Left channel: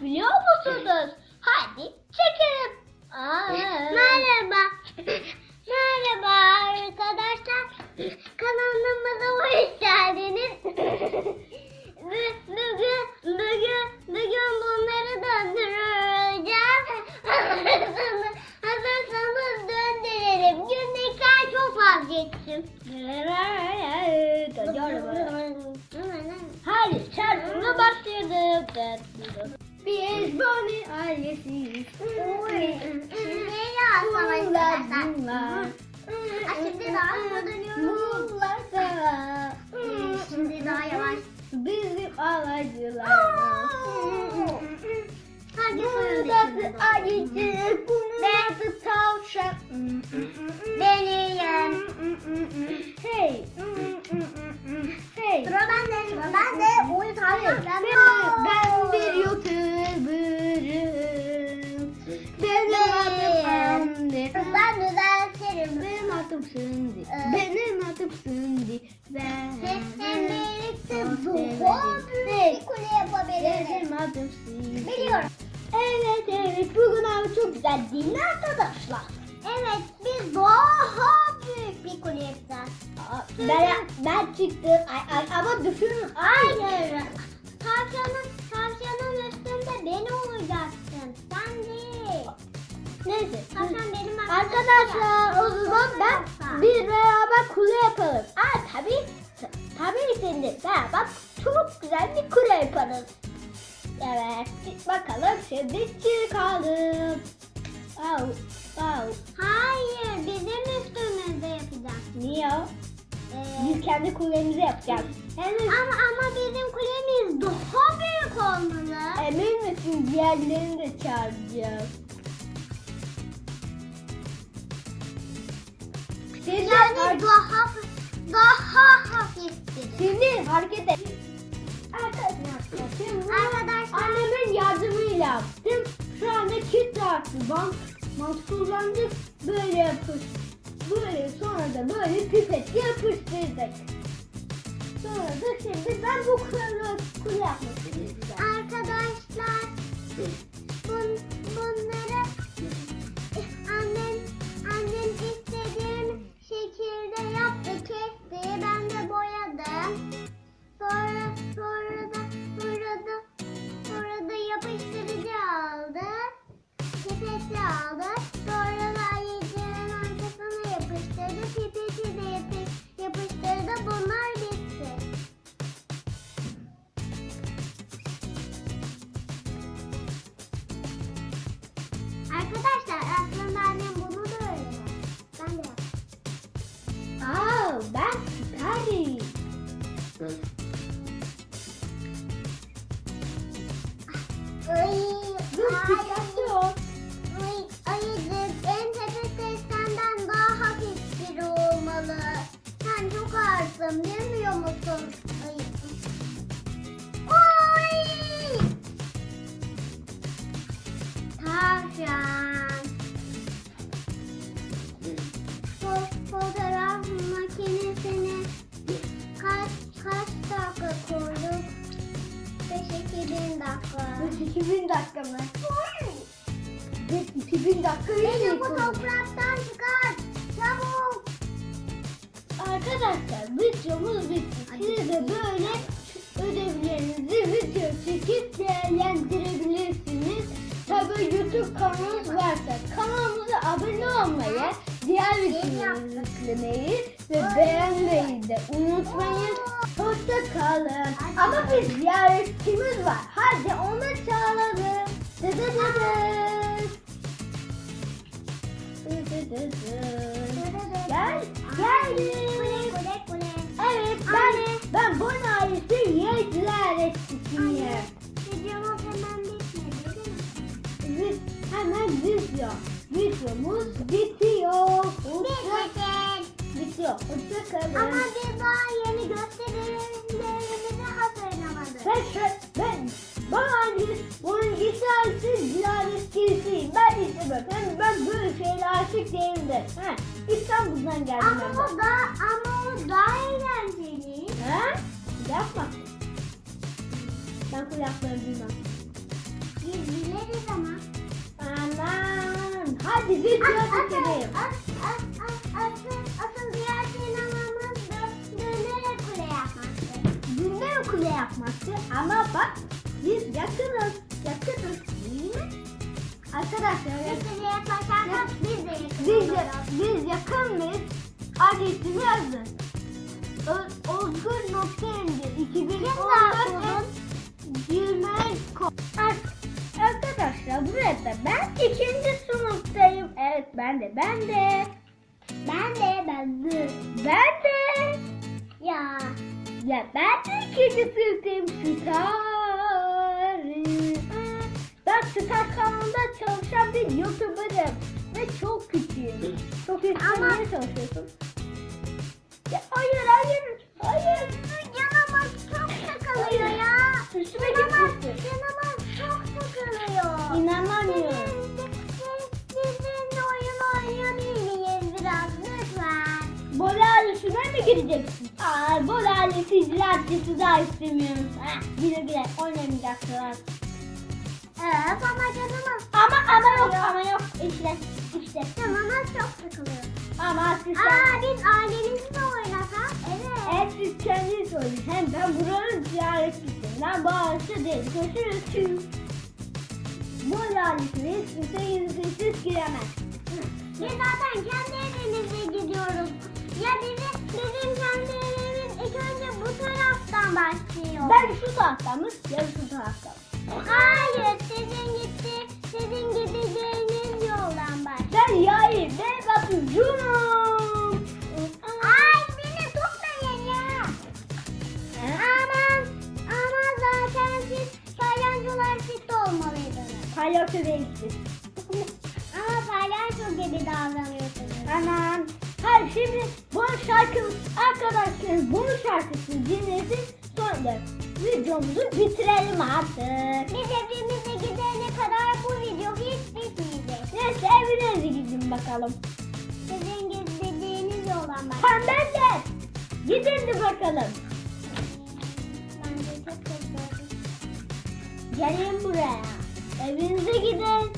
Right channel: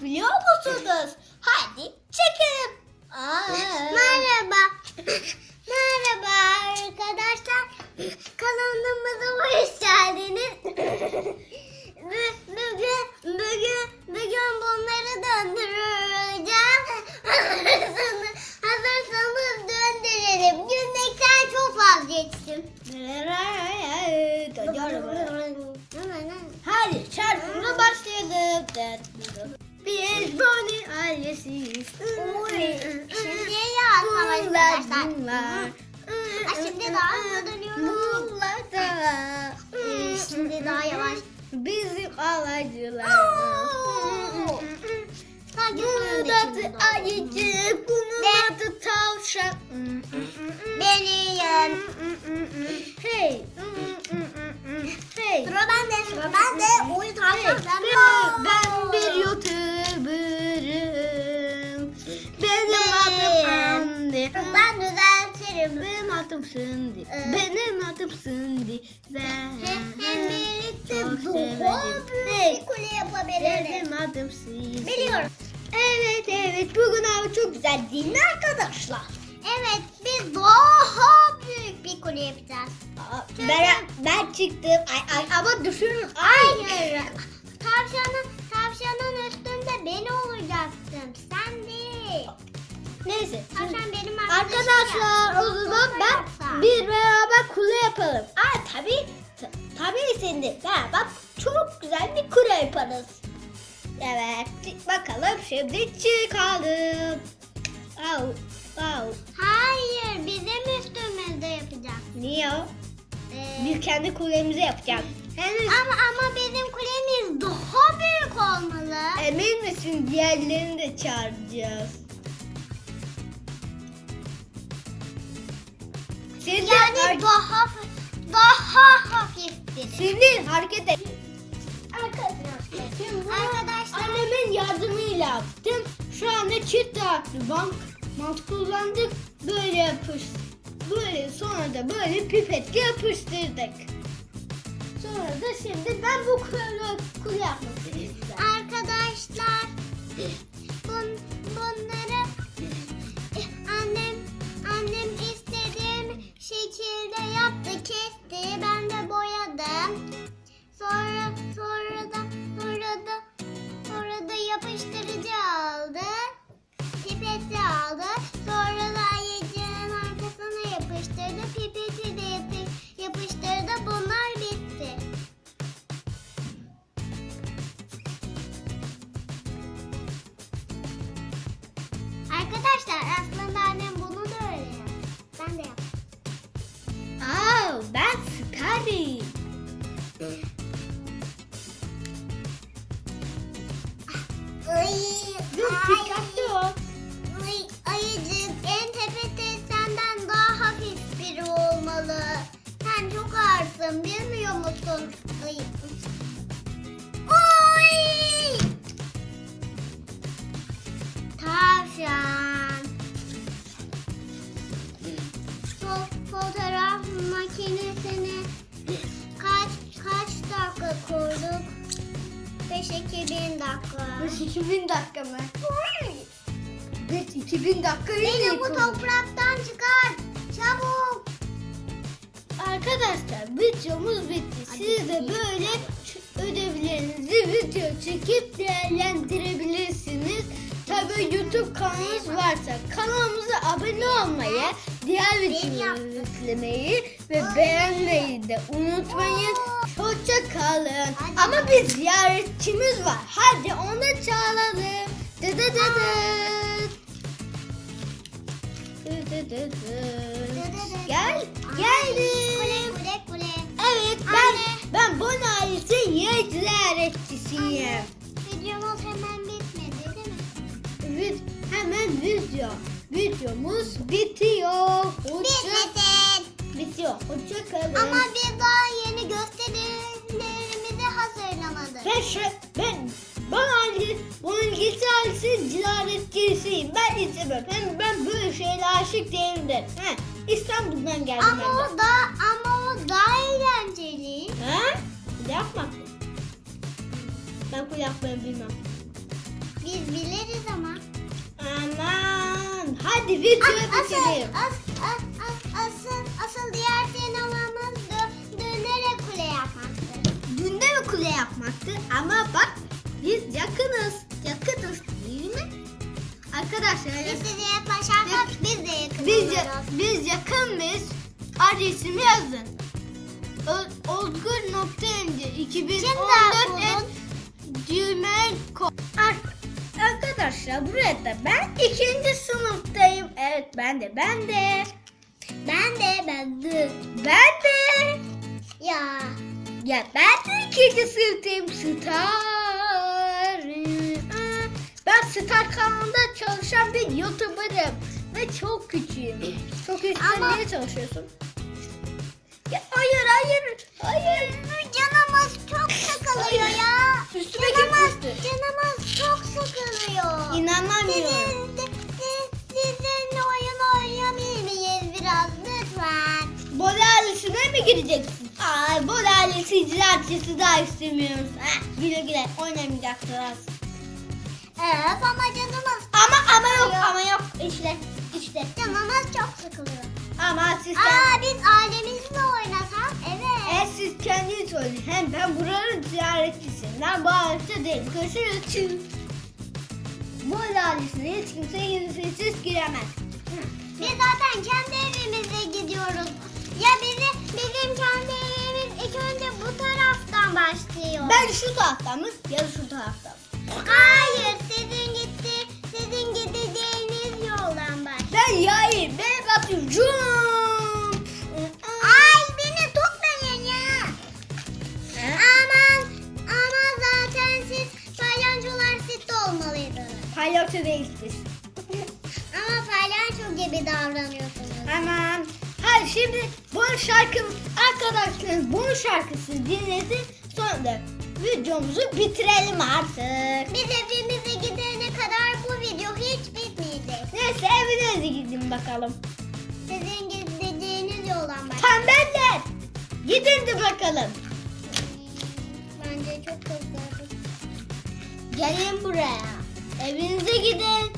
Biliyor musunuz? Hadi çekelim. Aa. Merhaba. Merhaba arkadaşlar. Kanalımıza hoş geldiniz. Bu- Bugün, bugün, bugün bunları döndüreceğiz. Hazırsanız, hazırsanız döndürelim. Gülmekten çok vazgeçtim. Hadi şarkımıza başlayalım. Biz Bonnie ailesiyiz. Şimdi yaz Bunlar arkadaşlar. bunlar. Ha, şimdi daha hızlı dönüyorum. Bunlar da. Şimdi daha yavaş. Bizim alaycılarımız. Hangi Bunun sırada adı ayıcık, bunun Ben- adı tavşan. Benim. Hey. Hey. Sıra bende. Sıra bende. Oyun tavşan Ben, ben bir adım Cindy. Biliyorum. Evet evet bugün hava çok güzel değil mi arkadaşlar? Evet biz daha büyük bir kule yapacağız. Aa, Ben, ben çıktım. Ay, ay, ama düşürürüm. Ay. Hayır. Tavşanın, tavşanın üstünde ben olacaksın. Sen değil. Neyse. Tavşan benim Arkadaşlar o zaman ben bir beraber kule yapalım. Aa tabii. Tabii seninle beraber çok güzel bir kule yaparız. Evet. Bakalım şimdi çıkalım. Au, au. Hayır bizim üstümüzde yapacağız. Niye? o? Ee, Biz kendi kulemizi yapacağız. Henüz ama ama bizim kulemiz daha büyük olmalı. emin misin diğerlerini de çağıracağız. Şimdi Yani har- daha daha hafif biri. Şimdi hareket et. Arkadaşlar Annemin çift taraflı bank mant kullandık. Böyle yapış. Böyle sonra da böyle pipetle yapıştırdık. Sonra da şimdi ben bu kuru, kuru yapmak istiyorum. arkadaşlar bun, bunları annem annem istediğim şekilde yaptı kesti ben 2000 dakika mı? Evet 2000 dakika Beni bu topraktan çıkar. Çabuk. Arkadaşlar videomuz bitti. Siz de böyle ödevlerinizi video çekip değerlendirebilirsiniz. Tabii YouTube kanalınız varsa kanalımıza abone olmayı, diğer videoları yüklemeyi ve beğenmeyi de unutmayın. Hoşça kalın. Ama bir ziyaretçimiz var. Hadi onu da çağıralım. Dı dı dı dı. Dı dı dı dı. Gel, geldim. Evet ben ben Bon ailesi yer ziyaretçisiyim. Videomuz hemen bitmedi değil mi? Evet hemen video. Videomuz bitiyor. Hoşça, Hızdan geldim ama ben. O da, ama o daha eğlenceli. He? Kulak mı? Ben kulaklarını bilmem. Biz biliriz ama. Aman. Hadi bir kere bitirelim. Asıl, asıl diğer sinemamız düğünlere kule yapmaktı. Düğünde mi kule yapmaktı? Ama bak biz yakınız. Arkadaşlar Biz size yaklaşarsak biz de yakın biz, oluruz. biz yakın mıyız? Adresimi yazın. O- Ozgur.mc 2014 Şimdi et gmail.com Arkadaşlar burada ben ikinci sınıftayım. Evet ben de ben de. Ben de ben de. Ben de. Ya. Ya ben de ikinci sınıftayım Star. Ben Star kanalında çalışan bir YouTuber'ım. Ve çok küçüğüm. Çok küçük. Ama- niye çalışıyorsun? Ya hayır hayır. Hayır. Canımız çok sıkılıyor ya. Üstüme Canımız, gitmişti. canımız çok sıkılıyor. İnanamıyorum. Ailesine mi gideceksin? Aa, bol ailesi icraatçısı da istemiyoruz. Heh, güle güle oynamayacaksınız. İşte işte. canımız çok sıkılıyor. Ama siz Aa biz ailemizle oynasak evet. Eğer siz kendiniz söyleyin. Hem ben buranın ziyaretçisiyim. Ben bu ailesi değil. Görüşürüz. Bu ailesine hiç kimse izinsiz giremez. Biz zaten kendi evimize gidiyoruz. Ya bizim, bizim kendi evimiz ilk önce bu taraftan başlıyor. Ben şu taraftan mı? Ya şu taraftan. Değiliz biz. Ama palyaço gibi davranıyorsunuz. Tamam. Hadi şimdi bu şarkı arkadaşlar bu şarkısını dinlesin sonra videomuzu bitirelim artık. Biz evimize gidene kadar bu video hiç bitmeyecek. Neyse evinize gidin bakalım. Sizin gideceğiniz yoldan başlıyor. Tembeller. Gidin de bakalım. Bence çok kızlardı. Gelin buraya. Evinize gidin.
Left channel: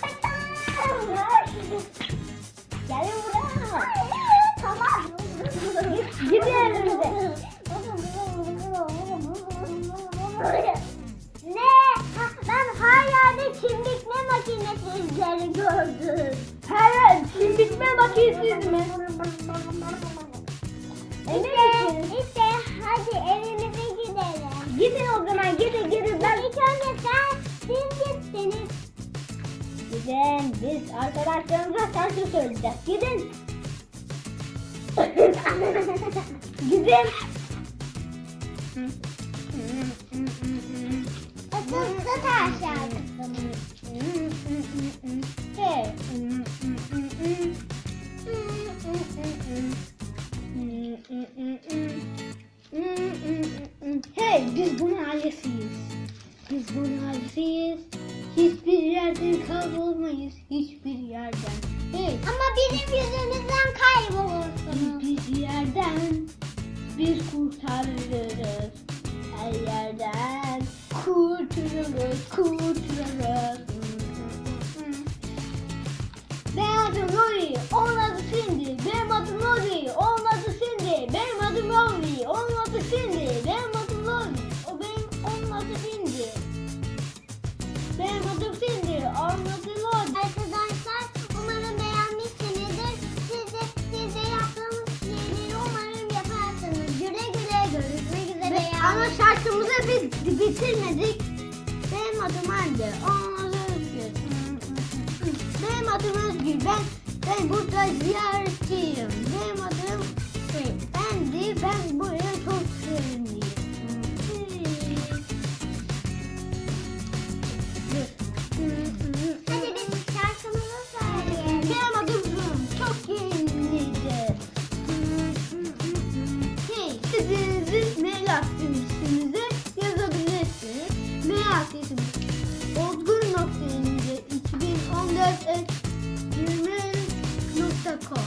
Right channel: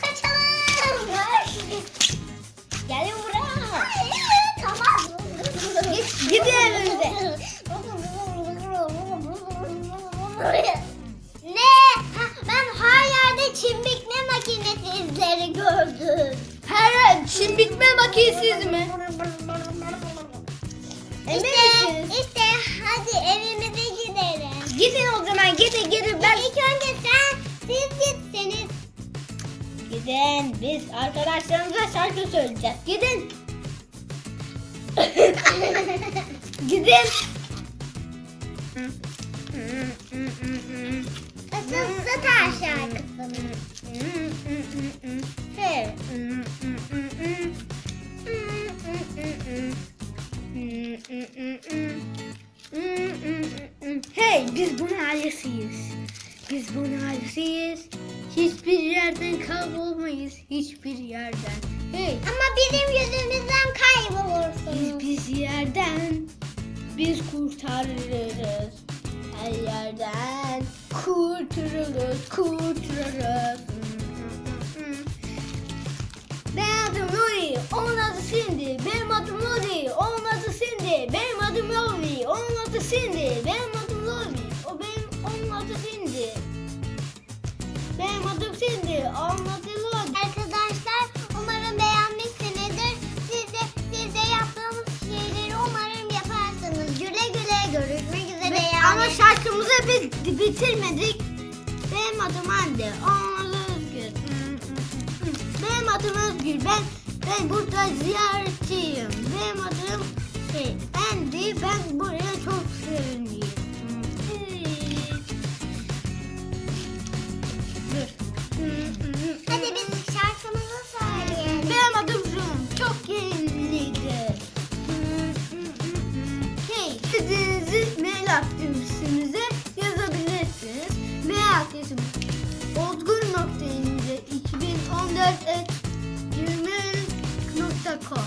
Kaçalım. Gelin buraya. Tamam. Gidin evinize. Ne? Ben her yerde çimbikle makinesi izleri gördüm. Her bitme makinesiz mi? İşte, işte hadi evimize gidelim. Gidin o zaman gidin gidin ben. İlk önce sen, siz gitseniz. Gidin biz arkadaşlarımıza şarkı söyleyeceğiz. Gidin. Gidin. Asıl Star şarkısı. Hey. Hey biz bunun ailesiyiz. Biz bunun ailesiyiz. Hiçbir yerden kaybolmayız. Hiçbir yerden. Hey Ama bizim yüzümüzden kaybolursunuz. biz, biz yerden biz kurtarırız. Her yerden kurtarırız, kurtarırız. Ama şarkımızı biz bitirmedik. Benim adım Hande, onun Özgür. Benim adım Özgür, ben, ben burada ziyaretçiyim. Benim adım şey, Andy, ben buraya Aksesim. Olgun nokta ince 2014 20.com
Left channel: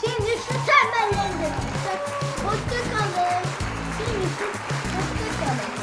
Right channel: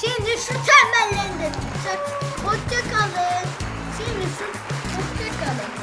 Şimdi şu temellerini tutsak. Hoşçakalın. Şimdi şu hoşçakalın.